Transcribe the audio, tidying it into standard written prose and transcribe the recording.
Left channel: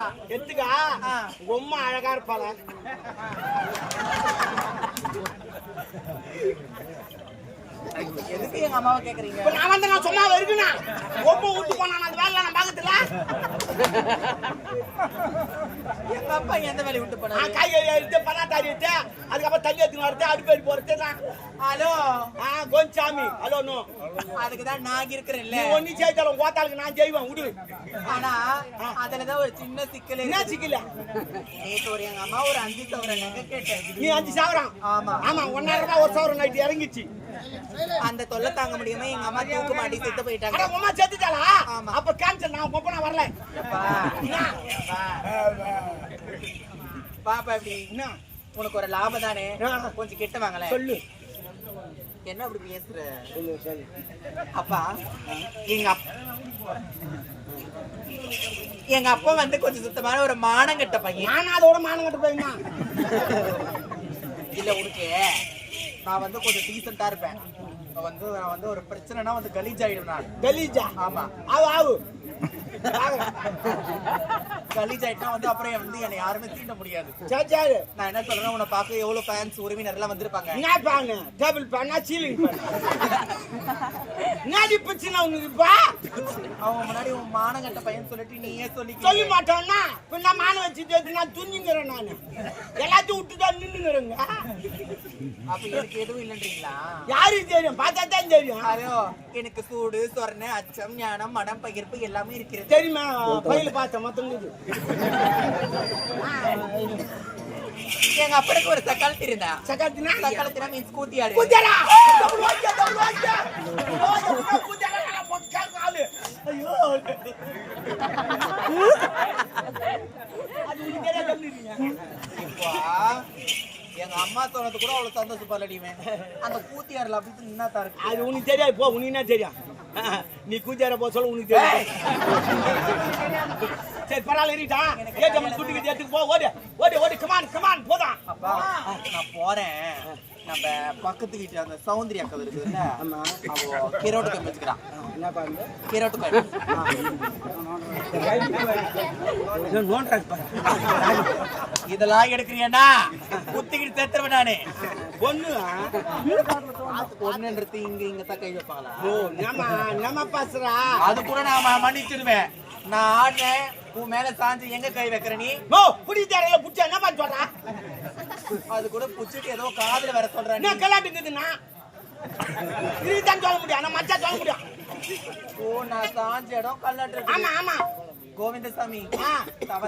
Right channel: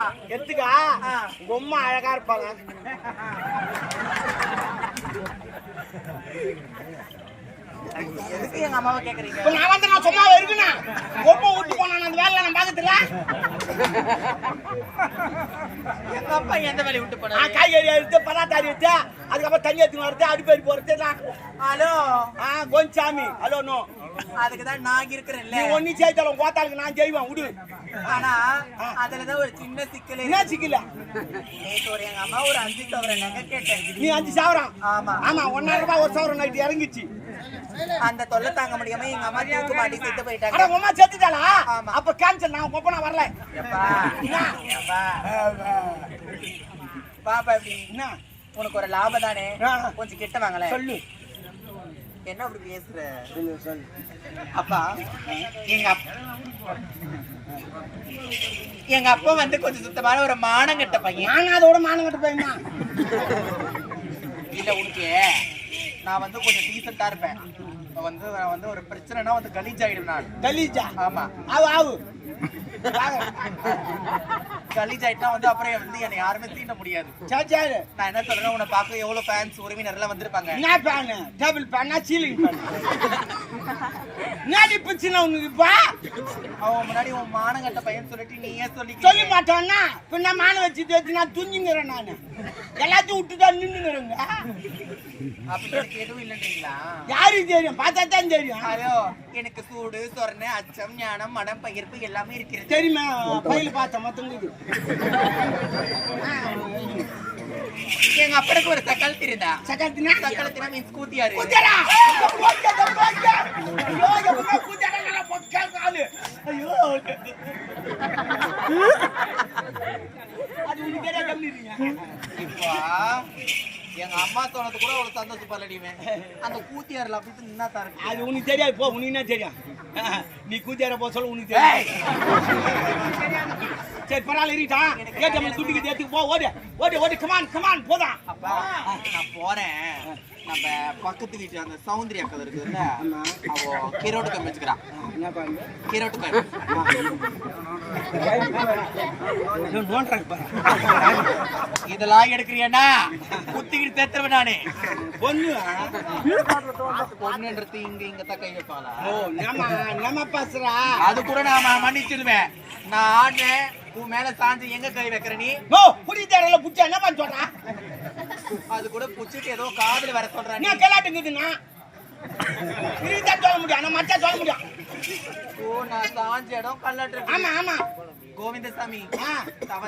எடுத்துக்கா பொம்மை அழகா இருப்பாள. எதுக்கு எங்க அம்மாவை கேக்குறீங்க? நான் வந்து நான் சும்மா இருக்குண்ணா பொம்மை விட்டு போனா அந்த வேலை நான் பாக்கத்துல. எங்க அப்பா எந்த வேலையை விட்டு போனா? காய்கறி அறுத்து பதார்த்தம் அறுத்து அதுக்கப்புறம் தண்ணி எடுத்து வரது அடுப்பேறி போறது. ஹலோ கோஞ்சாமி ஹலோ நோ. அதுக்குதான் நான் இருக்கிறேன்ல. நீ ஒண்ணு செய்தாலும் கோத்தாளுக்கு நான் செய்வேன் விடு. ஆனா அதுலதான் ஒரு சின்ன சிக்கல். என்ன சிக்கல? நேற்று ஒரு எங்க அம்மா ஒரு 5 சவரன் நகை கேட்டேன். நீ 5 சவரம்? ஆமா ஆமா 1,000 ரூபாய் ஒரு சவரம் நைட்டு இறங்கிச்சு. அந்த தொல்லை தாங்க முடியாம எங்க அம்மா தூக்கு மாட்டி செத்து போயிட்டாங்க. அட உமா செத்துட்டாளா? ஆமா. அப்ப கேன்சல். நான் கொப்பனா வரல. எப்பா பாப்பா எப்படி என்ன உனக்கு ஒரு லாபம் தானே, கொஞ்சம் கிட்ட வாங்கல. சொல்லு. என்ன அப்படி பேசுற? சொல்லு. அப்பா எங்க அப்பா வந்து கொஞ்சம் சுத்தமான ஒரு மானங்கட்ட பையன். நான் அதோட மானங்கட்ட பையனா? இல்ல உனக்கு நான் வந்து கொஞ்சம் டீசெண்டா இருப்பேன். நான் வந்து ஒரு பிரச்சனைனா வந்து கலீஜ் ஆயிடும். நான் கலீஜா? ஆமா ஆவு கலீஜ் ஆயிட்டா வந்து அப்புறம் வந்து என்னை யாருமே தீண்ட முடியாது. சரி நான் என்ன சொல்றேன், உன்னை பார்க்க எவ்வளவு ஃபேன்ஸ் உறவினர் எல்லாம் வந்திருப்பாங்க. என்ன பேன்? டேபிள் பேனா சீலிங் பேன்? நாடி பிரச்சனை உங்களுக்கு இப்ப? அவன் முன்னாடி உன் மானங்கட்ட பையன் சொல்லிட்டு நீயே சொல்ல மாட்டோம்னா பின்ன மான வச்சுட்டு நான் துஞ்சுங்கிறேன். நான் எல்லாத்தையும் விட்டுதான் நின்னுங்கிறேங்க. அப்ப எனக்கு எதுவும் இல்லைன்றீங்களா? யாருக்கு தெரியும்? பார்த்தா தான் தெரியும். ஐயோ எனக்கு சூடு சொரணை அச்சம் ஞானம் மனம் பகிர்ப்பு எல்லாமே இருக்கிறது. தெரியுமா? பையில பார்த்தேன் மொத்தங்களுக்கு. எங்க அப்பனுக்கு ஒரு சக்கால் தெரியுதா? சக்காத்தினா சக்காலத்தினா மீன்ஸ் கூத்தியாரு. கூத்தியாரா? ஐயோ அது உனக்கு தெரியாது. எங்க அம்மா தோணது கூட அவ்வளவு சந்தோஷப்படலடிமே. அந்த கூத்தியார்ல அப்படி நின்னா தான் இருக்கு. அது உனக்கு தெரியாது. போ, உனக்கு என்ன தெரியும்? நீ கூத்தியார போ சொல்ல உனக்கு தெரியாது. சரி பரவாயில்ல இருக்கா? குட்டிக்கு எடுத்துக்கு போ. ஓடு ஓடு ஓடு. கமான் போதான். அப்பா நான் போறேன். நம்ம பக்கத்து வீட்டுல அந்த சௌந்தர்யா அக்கா இருக்குதுல்ல, அவ கீரோட்டு கோயில் வச்சுக்கிறான். என்ன பாருங்க கீரோட்டு கோயில் இதெல்லாம் எடுக்கிறியன்னா குத்திக்கிட்டு சேர்த்துருவேன் நானு. பொண்ணுன்றது இங்க தான் கை வைப்பாளா? நம்ம பாசுறா. அது கூட நான் மன்னிச்சிருவேன். நான் ஆடுறேன், உன் மேல சாஞ்சு எங்க கை வைக்கிற நீ? புடிச்சாரல புடிச்சா என்ன பண்ண சொல்றா? அது கூட புடிச்சிட்டு ஏதோ காதுல வர சொல்றேன். என்ன கலாட்டுக்குதுன்னா இதுதான் சொல்ல முடியும். ஆனா மச்சா சொல்ல முடியும். ஓ நான் சாஞ்ச இடம் கல்லாட்டு. ஆமா கோவிந்தசாமி தவற